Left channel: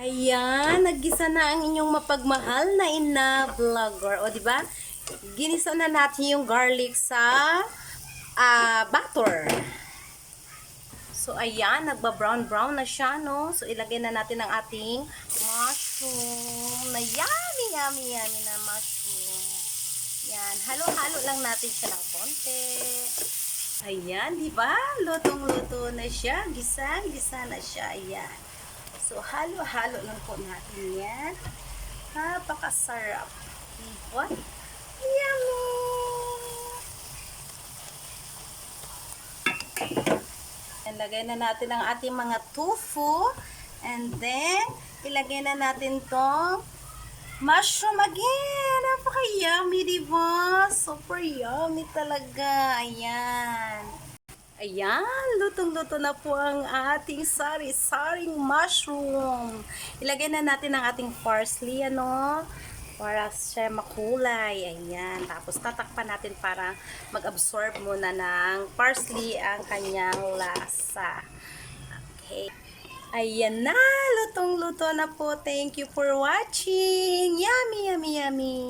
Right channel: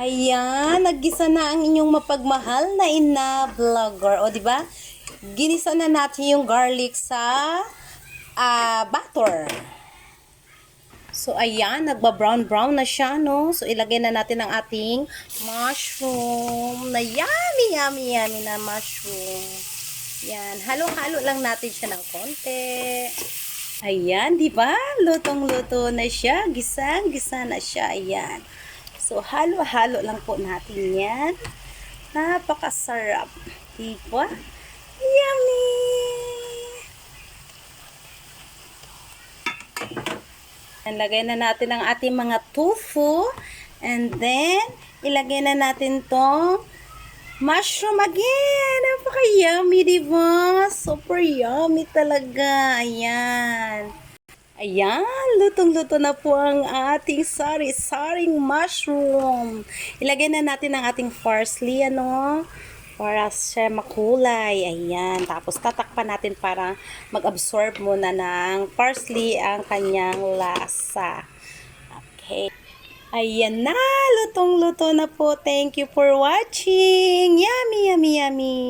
Ayan, naggisa na ang inyong mapagmahal na ina vlogger. O, di ba? Ginisa na natin yung garlic sa butter. So, ayan, nagba-brown-brown na siya, no? So, ilagay na natin ang ating mushroom na yummy, yummy, yummy na mushroom. Yan, halo-halo lang natin siya ng konti. Ayan, di ba? Lutong-luto na siya. Gisang-gisa na siya. Ayan. So, halo-halo lang po natin yan. Napakasarap. Di ba? Yummy! Ilagay na natin ang ating mga tofu. And then, ilagay na natin tong mushroom again. Napaka-yummy, diba? Super yummy talaga. Ayan. Ayan, lutong-luto na po ang ating sari-saring mushroom. Ilagay na natin ang ating parsley, ano? Para siya makulay. Ayan. Tapos tatakpan natin para mag-absorb muna ng parsley ang kanyang lasa. Okay. Ayan na, lutong-luto na po. Thank you for watching. Yummy, yummy, yummy.